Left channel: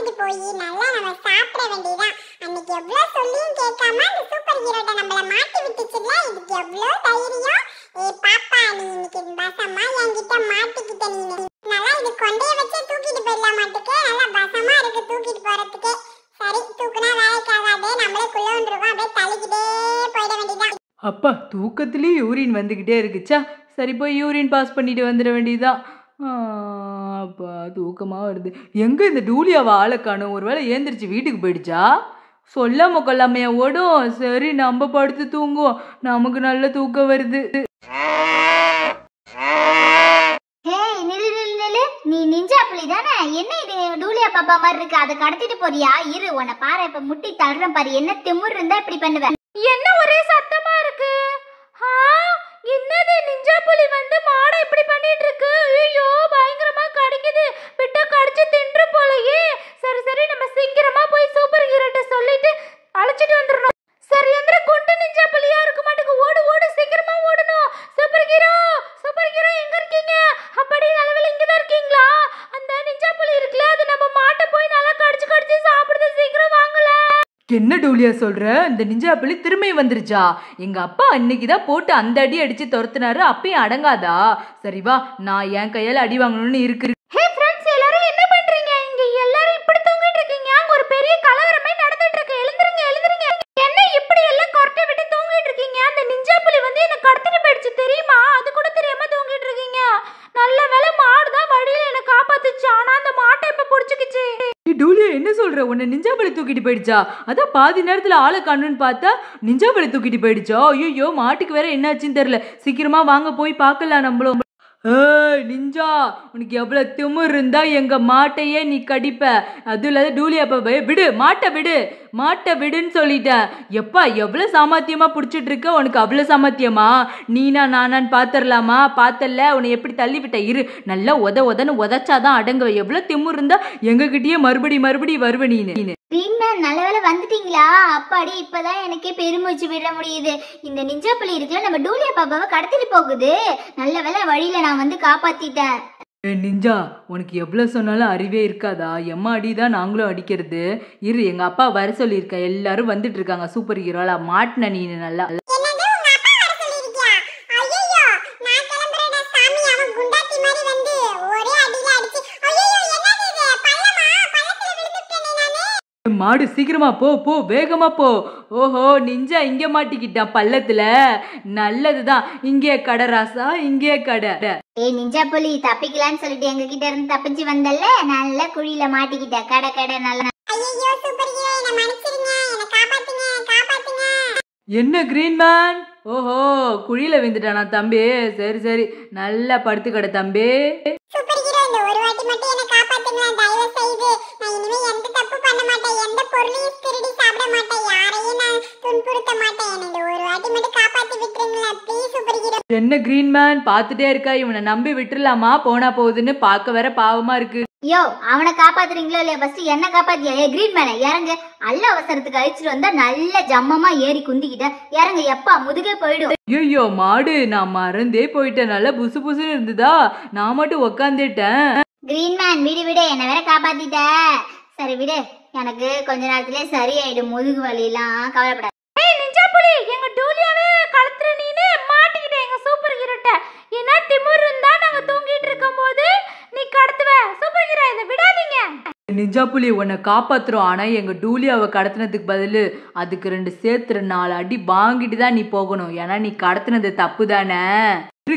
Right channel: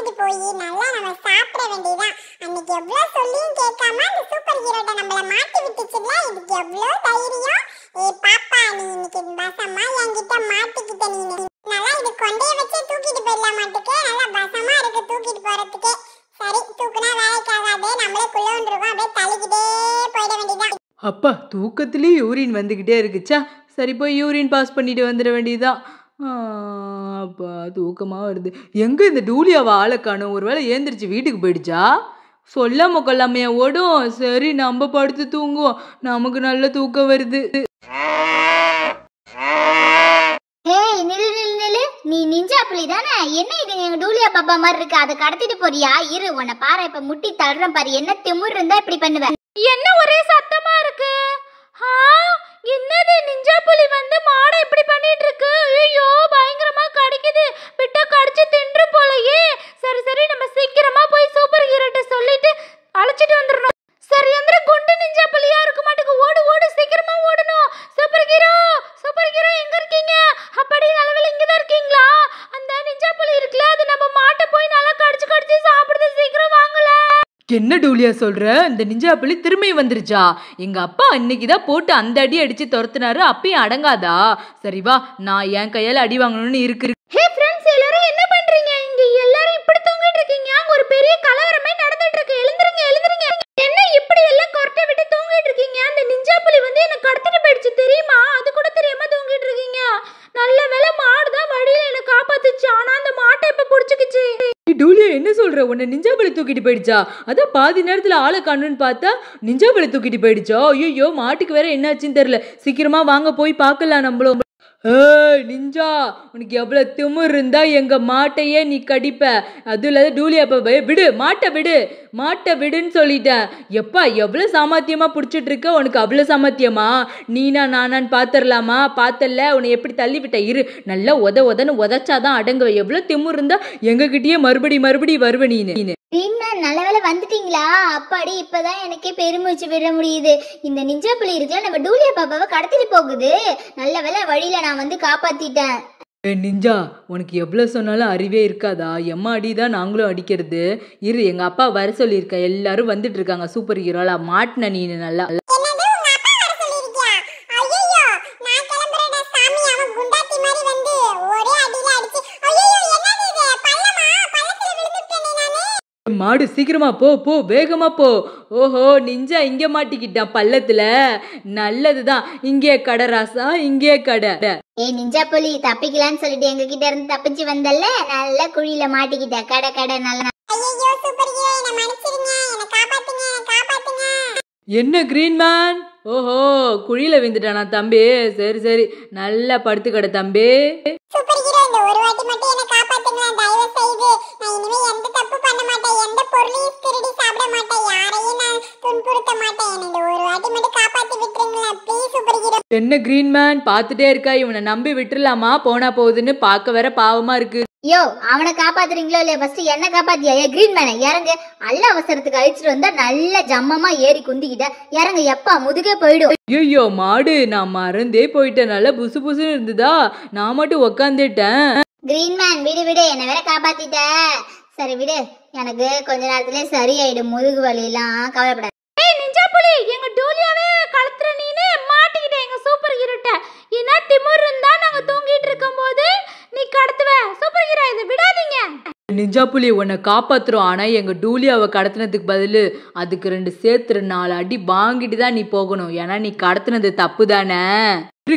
அழைச்சிட்டு போய் நல்லா நம்ம சாப்பிட வேண்டியதான். அன்னைக்கு எவ்வளவு சொல்லியும் கேட்காம அந்த சூப்பர் ஹீரோட்ட நம்மள மாட்டி விட்டுச்சுல, இதுக்கு எவ்வளவு தைரியம். பாப்பா நீ இன்னைக்கு பசமா என்கிட்ட மாட்டிக்கிட்ட. நீ நல்லா இது கொண்டைய வச்சு தூக்கிட்டு போயிடலாம் மாட்டுக்கு. நல்லா பசமா இருக்கு தூக்கிட்டு போறதுக்கு. சரி தூக்குனா வேலைக்கு ஆகாது, நம்மளே குள்ளோன்றுவோம். அப்படியே தள்ளிக்கிட்டே போயிட வேண்டியதான். அப்பா தூக்கத்துலேயே யூரின் வந்துக்கிட்டே இருக்குச்சா, சரி போய் யூரின் பாஸ் பண்ணிட்டு வந்துட வேண்டியதுதான். அப்பா தூக்கமாக வருது. எங்கே இந்த டூலியாவை ஆளை காணும்? ஒரு வேளை ஏந்திரிச்சு வீட்டுக்கு போயிடுச்சா? சொல்லாம கொள்ளாமையா ஓடும். சரி நம்ம படுத்து தூங்குவோம், நமக்கு நல்ல தூக்கம் வருது. நீ நிஞ்சா புலி தானே? என்ன இது டூலியா பாப்பா மாதிரி இருக்கு, அதை கடத்திட்டு போறியா? இரு உன்னை பாரு, இப்ப முட்டி தள்ளுறேன் பாரு. என்ன திமிர் இருந்தா இப்படி பண்ணுவேன்? என்ன ஒரே சத்தமா இருக்கு? என்னது நிஞ்சா புலி வந்து மாடை இப்படி பண்ணிட்டு இருக்கு? ஐயோ பயங்கரமா கடிக்குது, விட்டா கடிச்சு தின்று போலயே. சரி சரி நம்ம சீக்கிரமா போய் சூப்பர் ஹீரோட்ட சொல்லிட்டு அழைச்சிட்டு வந்துடணும். சரி எந்திர குண்டு நிஞ்சா புலியா இருக்க மாட்டுக்கு, ஓடு ஓடு சீக்கிரமா ஓடணும். சூப்பர் ஹீரோ எங்க இருக்கீங்க? அப்படி நல்லவேளை இங்கதான் இருக்கீங்களா? அந்த நிஞ்சா புலி இருக்குல்ல, அது நம்ம மாட்டை போய் நல்லா கடிச்சு கடிச்சு சாப்பிடுது, சீக்கிரம் வாங்கல. என்ன டூலியா சொல்ற? இந்த நிஞ்சா புலி திரும்பி வந்துருச்சா? எங்க அப்பா அன்னைக்குதான் போட்டு அந்த அடி அடிச்சு துரத்துனாரு, அப்பயும் அடங்காதா? சரி வா, நான் என் கையால அடி வாங்கணும்னு இருக்கு. ஹே ஃப்ரெண்ட்ஸ், எல்லாரும் என்ன பண்றீங்க? இங்க எல்லாரும் இப்படி தூங்கிட்டு இருக்கீங்க. அங்க ஒரு பெரிய கலவரமே நடந்துட்டு இருக்கு. எழுந்திருங்க எழுந்திருங்க. என்ன இப்படி எல்லாம் கொரட்டை விட்டு தூங்கிட்டு இருக்கீங்க? அந்த நிஞ்சா புலி வந்து என்ன கடத்திட்டு போயிடுச்சு தெரியுமா? அது கூட தெரியாம தூங்கிட்டு இருக்கீங்க. நல்ல வேளை மாடுதான் வழியில என்ன காப்பாத்துச்சு, ஆனா அந்த மாட்டை இப்ப புடிச்சுக்கிச்சு. டூலியா என்ன சொல்ற? உன்னை நிஞ்சா புலி தூக்கிட்டு போயிடுச்சா? அதான் பாதி நேரத்துல ஆளை காணுன்னு பார்த்தா நிஞ்சா புலி தூக்கிட்டு போயிடுச்சோ. ஐயோ மாட்டுக்கு வேற என்னாச்சுன்னு தெரியல. சீக்கிரமா வாங்க போய் பார்க்கலாம் நம்மளும். ஏய் நிஞ்சா, உனக்கு எவ்வளவு திமிர் இருந்தா எங்க மாட்டையே நீ கடிப்ப? அதுவும் இல்லாத டூலியா பாப்பா விடு, மாட்டை விடுன்னு சொல்லிட்டேன். எப்பா எவ்வளவு சாமர்த்தியமா பிடிச்சிட்டு இருக்க, உனக்கு அவ்வளவு சாமர்த்தியமா? நீனா நானான்னு பாத்திரலாமா? பார்த்தல உன்னை எப்படி தள்ளி விட்ட. இரு நல்லா உதன்னு உதச்சாதான் அடங்குவ. எவ்வளவு திமிர் இருந்தா எங்ககிட்டயே மறுபடி வருவ நீனு. நல்ல வேலை வந்துட்டீங்களா? அப்பாடி இப்பதான் எனக்கே பெருமூச்சு விட முடியுது. இந்த நிஞ்சா புலி இருக்குல்ல, நம்ம டூலியா பாப்பாவை கடத்திட்டு போகுது. நல்ல வேலை வழியில நான் வந்து காப்பாத்திட்டேன். நிஞ்சா, உனக்கு எவ்வளவு சொன்னாலும் அறிவே இருக்காதா? எம்மா அடிதான் நாங்களும் அடிக்கிறது. இரு எங்க அப்பா வர சொல்லியிருக்க, எல்லாரும் வந்துட்டு இருக்காங்க. சூப்பர் ஹீரோலா மாட்டின நீனு நல்லா. மாடு சீக்கிரமா போ வேகமா போ. ஓஹோ நிஞ்சா இங்க மாட்டிக்கிட்டான் பள்ளத்துல. நல்லதுதான், இங்கே கடை ராசா, இங்கே கடை. நிஞ்சா புலி தப்பிக்கலான்னு சொல்லிட்டு எங்க கிட்ட இருந்து தப்பிச்சு வந்தல்ல, நல்ல குழியில மாட்டிக்கிட்ட. கடை நல்ல. என்ன கிரீன்மேன்? ஓஹோ குழியில விழுந்துட்டானா தம்பி? சரி நல்லா படுத்து கடை தம்பி. ஒரு வாட்டி மட்டும் என்ன காப்பாத்துங்க தயவு செய்து. நான் இனிமே எந்த தப்பு பண்ண மாட்டேன், எந்த பொருளையும் திருடி சாப்பிட மாட்டேன், யாரையும் நான் துன்புறுத்த மாட்டேன். எனக்கு ஒரு வாட்டி மட்டும் காப்பாத்தி விட்டுருங்களேன் ப்ளீஸ் சூப்பர் ஹீரோ. என்ன கிரீன்மேன் பாத்துட்டே இருக்கா? இவனை நம்பி விட்டுறலாமா? போனா போகுதுன்னு பார்க்க வேற பாவமா இருக்கு. யோ அவனை காப்பாத்துறீங்களோ இல்லையா? ஃபர்ஸ்ட் என்ன காப்பாத்தியா? கிரீன் மேன இறங்கு. அல்ல அவசரத்துக்கு அழிச்சிட்டு வந்தா நல்ல ஜம்மமா ஏறி குந்திக்கிட்ட. இறங்கு, எப்பா முதுகே போயிடும். ஐயோ மாடு, நான் மறந்தே போயிட்டேன். நல்லா புசுன்னு இருந்ததா, நான் மட்டும் உக்காந்துட்டேன். கிரீன் மேன் விடு, என்ன வேற காப்பாத்திட்ட. சரி விடு, எனக்கு கொஞ்ச நேரத்திலே சரியாயிடும் முதுகு வலி எல்லாம், கவலைப்படாத. நிஞ்சா புலி எங்க டூலியாவே கடத்துற நீனே மாட்டிக்கிட்ட எங்க சூப்பர் ஹீரோட்ட. என்ன திமிர் இருந்தா நாங்க தூங்கிட்டு இருக்கும்போது நீ கடத்துவ? சூப்பர் ஹீரோ இதை விடாதீங்க. நிஞ்சா புலி உன்னை காப்பாத்துறோம், ஆனா எங்க டூலியாவை கடத்தினதுக்கு பதில் அதுக்கு 2 சேர்த்து 4 அடி வாங்கிட்டு தான் நீ போகணும். ஏன்னா நீ கடத்தினது தப்பு தானே.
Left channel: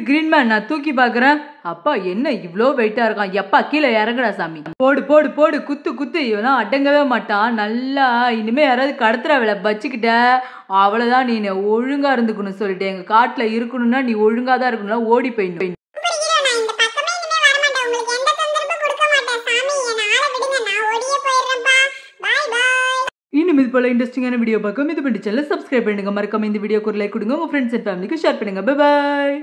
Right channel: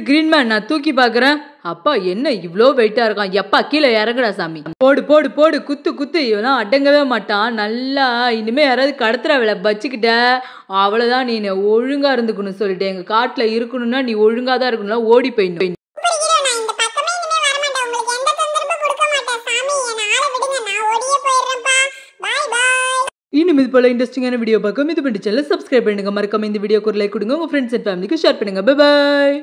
கிரீன்மேன் நான் தூக்கி பாக்குறேன். அப்பா என்ன இவ்வளோ வெயிட்டா இருக்கான்? எப்பா கீழே இறங்குடா சாமி. போடு குத்து. இவெல்லாம் அடங்கவே மாட்டான். நல்லா இனிமே யாராவது கடத்துற வேலை வச்சுக்கிட்ட அவ்வளவுதான். நீ ஒழுங்கா இருந்துக்கணும் சொல்லிட்டு, எங்க காட்டுல இருக்கணும்னா நீ ஒழுங்கா தான் இருக்கணும், ஓடி போயிடணும். இன்னும் இது போல இன்ட்ரெஸ்டிங்கான வீடியோ பார்க்க இது பண்ணி சேனலை சப்ஸ்கிரைப் பண்ணுங்க. மறக்காம இந்த வீடியோக்கு ஒரு லைக் கொடுங்க, உங்க ஃப்ரெண்ட்ஸ் அண்ட் ஃபேமிலிக்கு ஷேர் பண்ணுங்க. Bye bye.